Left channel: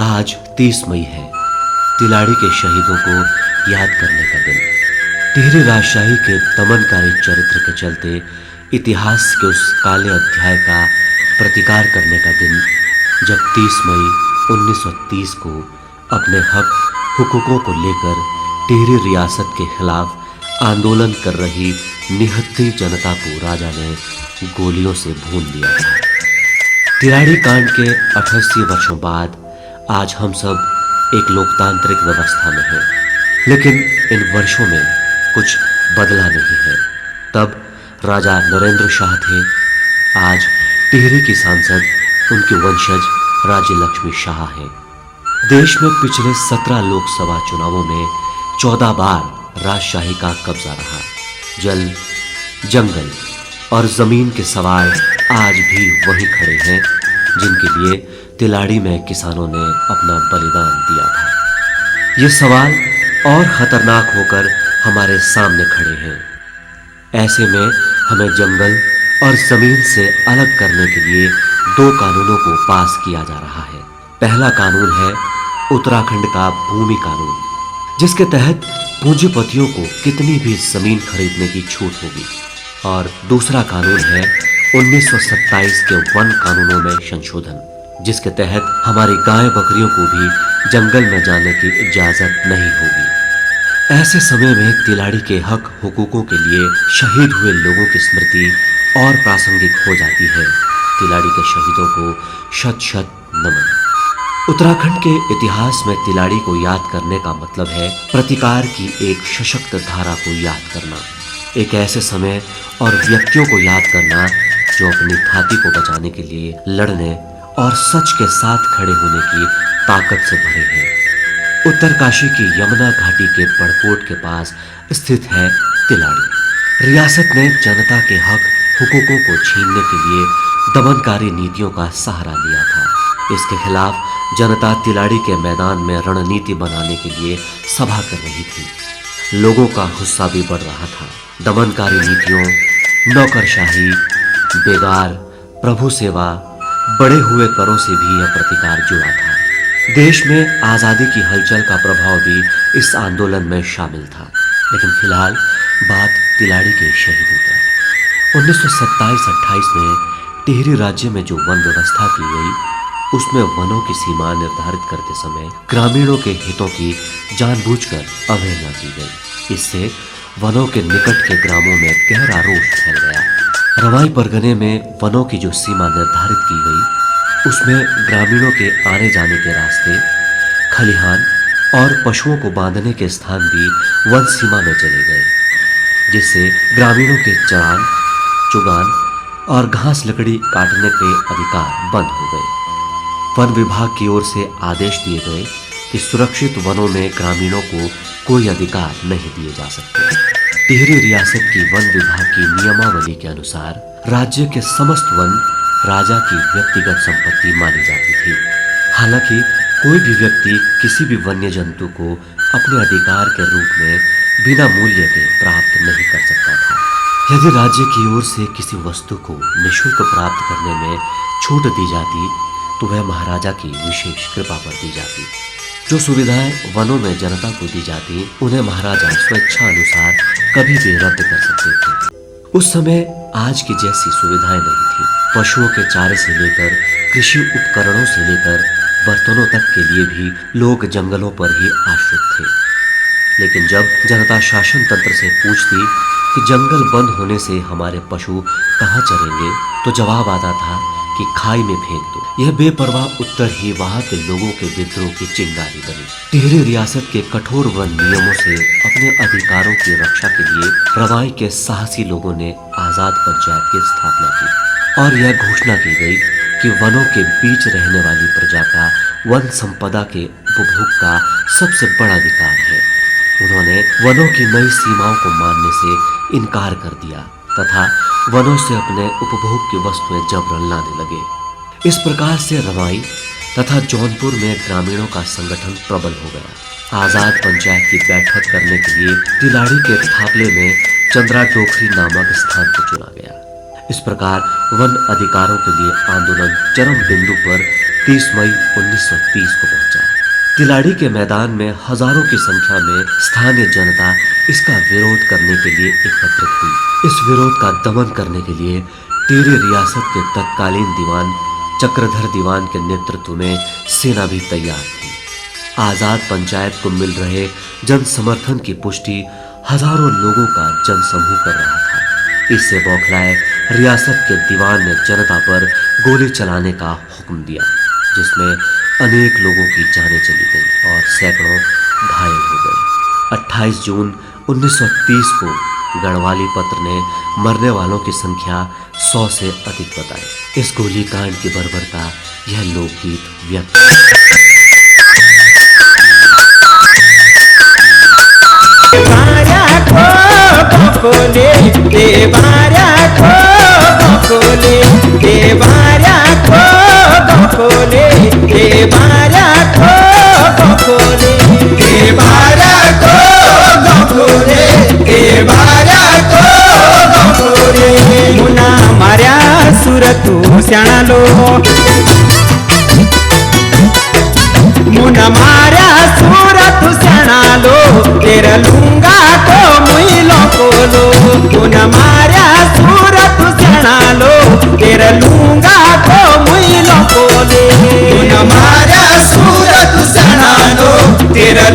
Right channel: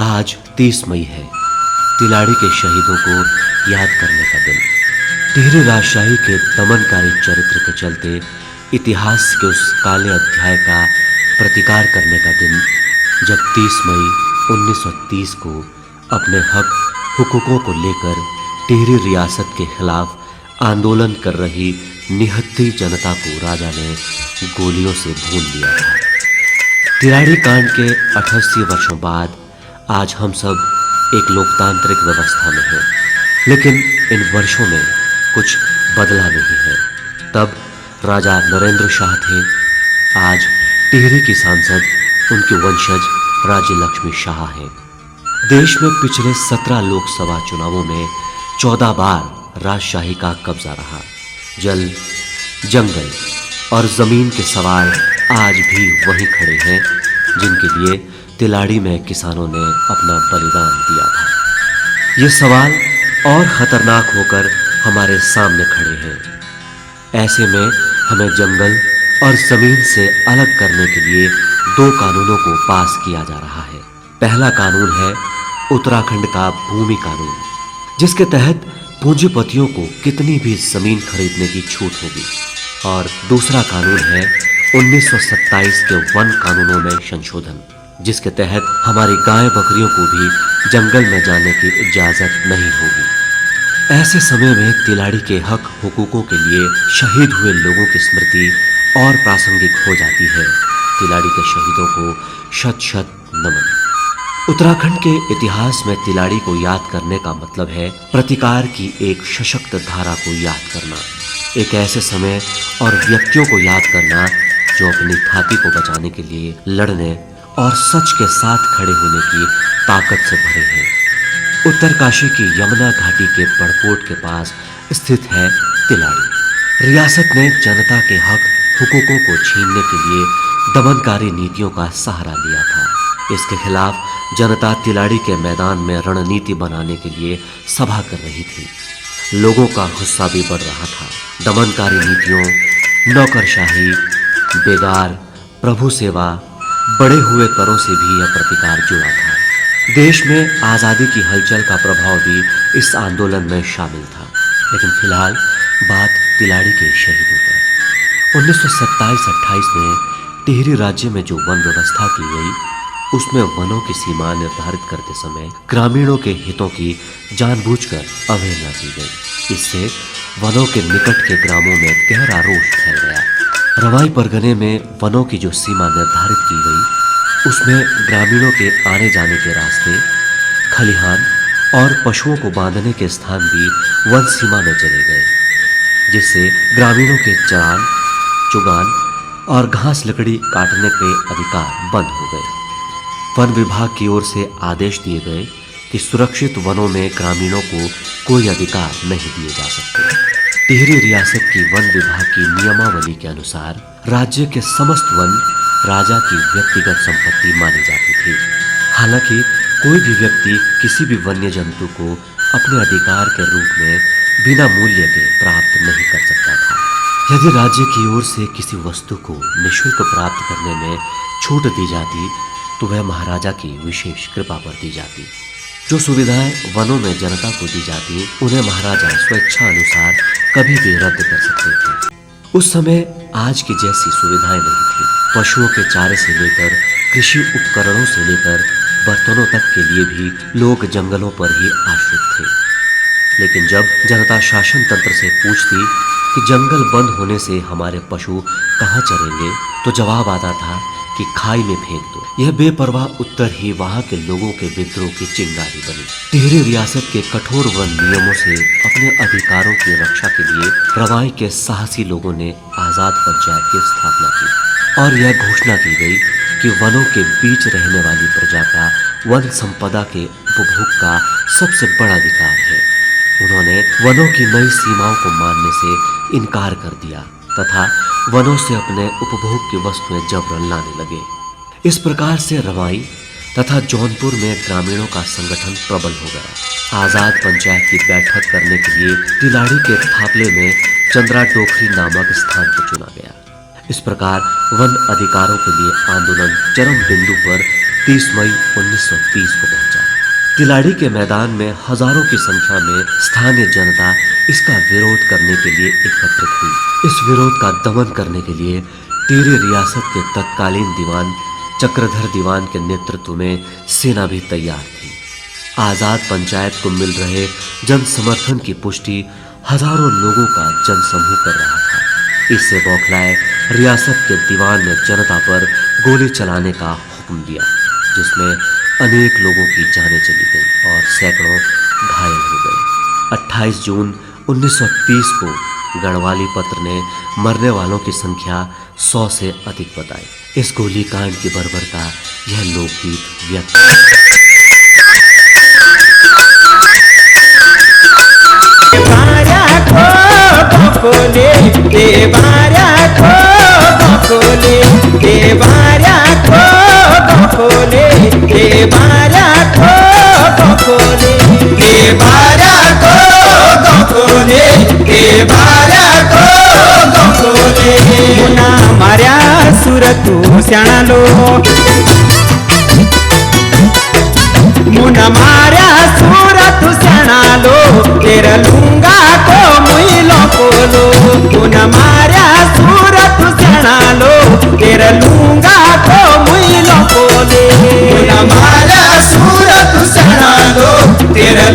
आज 30 मई है, तिलाड़ी के शहीदों को याद करने का दिन। टिहरी राजशाही के दमनकारी चरित्र के चलते इतिहास के उस काले अध्याय का प्रतिकार करने का दिन, जब 30 मई 1930 को अपने हक हुकूकों को लेकर टिहरी रियासत के खिलाफ आंदोलन कर रही निहत्थी जनता को राजा ने गोलियों से भून दिया था। तिलाड़ी कांड के 88 वर्षों बाद आज हम सब एक लोकतांत्रिक व्यवस्था में हैं, लेकिन इन वर्षों में कुछ बदला नहीं है। तब राजा नरेंद्र शाह थे, आज टिहरी की सांसद उनके वंशज राज्य लक्ष्मी शाह हैं। देश में पिछले 17 लोकसभा चुनावों में 14 बार राजशाही का कब्जा रहा। जल, जंगल और जमीन के सवाल आज भी वहीं खड़े हैं जिनके लिए तिलाड़ी में किसानों ने अपना बलिदान दिया था। ये सवाल और खतरनाक होकर हमारे सामने खड़े हैं। ऐसे में हमें जंगल और जमीन से अलग करने के लिए 2 कानूनों को पास किया जा रहा है। पहला कानून है उत्तराखंड का भूमि कानून, जिसके तहत पूंजीपतियों को कितनी भी जमीन खरीदने की छूट होगी, और दूसरा कानून है 1927 के वन कानूनों में संशोधन, जिसके तहत हमारी गाय बकरियों को भी जंगल में जाने की इजाजत नहीं होगी। ऐसे समय में तिलाड़ी के हक हुकूकों के लिए शहीद हुए लोगों की स्मृति और प्रासंगिक हो जाती है। तिलाड़ी के शहीदों को शत शत नमन। उत्तराखंड के इतिहास में तिलाड़ी को याद करने का मतलब है प्रतिकार की एक सशक्त धारा को याद करना, एक ऐसे समय और व्यक्तियों को याद करना जो अपनी थाती को बचाने के लिए लड़ने और सच के साथ खड़े होने की ताकत से भरे हैं। उत्तरकाशी की यमुना घाटी के पड़कोट के पास स्थित है तिलाड़ी। रियासत ने जनता के हक हुकूकों को छीनने के लिए दमनकारी नीतियों का सहारा लिया था। इसके खिलाफ जनता तिलाड़ी के मैदान में रणनीति बनाने के लिए सभा कर रही थी। लोगों का गुस्सा भी बढ़ रहा था। दमनकारी नीतियों, नौकरशाही, बेगार, प्रभु सेवा, बढ़े हुए करों से भी यह प्रतिकार जुड़ा था। देश में आज़ादी की हलचल का प्रभाव भी इस आंदोलन में शामिल था। लेकिन फिलहाल बात तिलाड़ी के शहीदों पर। 1927-28 में टिहरी राज्य में जो वन व्यवस्था की गई, उसमें वनों की सीमा निर्धारित करते समय ग्रामीणों के हितों की जानबूझकर अवहेलना की गई। इससे वनों के निकट के ग्रामों में गहरा रोष फैल गया। रवाई परगने में वनों की जो सीमा निर्धारित की गई, उसमें ग्रामीणों के आने जाने के रास्ते, खलिहान और पशुओं को बांधने के स्थान भी वन सीमा में चले गए, जिससे ग्रामीणों के चरान, चुगान और घास लकड़ी काटने के अधिकार बंद हो गए। वन विभाग की ओर से आदेश दिए गए कि सुरक्षित वनों में ग्रामीणों को कोई अधिकार नहीं दिए जा सकते। टिहरी रियासत की वन विभाग की नियमावली के अनुसार राज्य के समस्त वन राजा की व्यक्तिगत संपत्ति मानी जाती थी। हालांकि कोई भी व्यक्ति किसी भी वन्य जंतु को अपने अधिकार के रूप में बिना मूल्य के प्राप्त नहीं कर सकता था। यदि राज्य की ओर से किसी वस्तु को निःशुल्क प्राप्त करने में छूट दी जाती, तो वह महाराजा की विशेष कृपा पर दी जाती। जो सुविधाएं वनों में जनता को दी जाती, उन्हें महाराजा स्वेच्छा अनुसार कभी भी रद्द कर सकते थे। उस समय आज की जैसी सुविधाएं नहीं थी। पशुओं के चारे से लेकर कृषि उपकरणों से लेकर बर्तनों तक के लिए भी लोग जंगलों पर ही आश्रित थे। लेकिन जब जनता शासन तंत्र से पूछती कि जंगल बंद होने से हमारे पशु कहाँ चरेंगे, तो जवाब आता था कि खाई में फेंक दो। यह बेपरवाह उत्तर ही वहां के लोगों के विद्रोह की चिंगारी बनी। टिहरी रियासत के कठोर वन नियमों से अपने अधिकारों की रक्षा के लिए रवाई के साहसी लोगों ने आजाद पंचायत की स्थापना की और यह घोषणा की गई कि वनों के बीच रहने वाली प्रजा का वन संपदा के उपभोग का सबसे बड़ा अधिकार है। उन्होंने वनों की नई सीमाओं को मानने से इनकार कर दिया तथा वनों से अपने उपभोग की वस्तुएं जबरन लाने लगे। इस प्रकार से रवाई तथा जौनपुर में ग्रामीणों का संगठन प्रबल हो गया। आजाद पंचायत की बैठक करने के लिए तिलाड़ी के थापले में चंद्रा टोखरी नामक स्थान को चुना गया। इस प्रकार वन अधिकारों के लिए आंदोलन चरम बिंदु पर 30 मई 1930 को पहुंचा। तिलाड़ी के मैदान में हजारों की संख्या में स्थानीय जनता इसका विरोध करने के लिए एकत्रित हुई। इस विरोध का दमन करने के लिए टिहरी रियासत के तत्कालीन दीवान चक्रधर दीवान के नेतृत्व में सेना भी तैयार थी। आजाद पंचायत को मिल रहे जन समर्थन की पुष्टि हजारों लोगों का जनसमूह कर रहा था। इससे बौखलाए रियासत के दीवान ने जनता पर गोली चलाने का हुक्म दिया, जिसमें अनेक लोगों की जानें चली गईं और सैकड़ों घायल हो गए। 28 जून 1930 को गढ़वाली पत्र ने मरने वालों की संख्या 100 से अधिक बताई। इस गोलीकांड की बर्बरता यह लोकगीत व्यक्त बकोले देवारा को बकोले देवारा को बकोले देवारा को बकोले देवारा को बकोले देवारा को बकोले मुना मार्या सुरतु स्याणालो मुना मार्या सुरतु स्याणालो तेरा लूंगा को मुइलो कोलो मुना मार्या सुरतु स्याणालो तेरा लूंगा को मुइलो कोले मुना मार्या सुरतु स्याणालो तेरा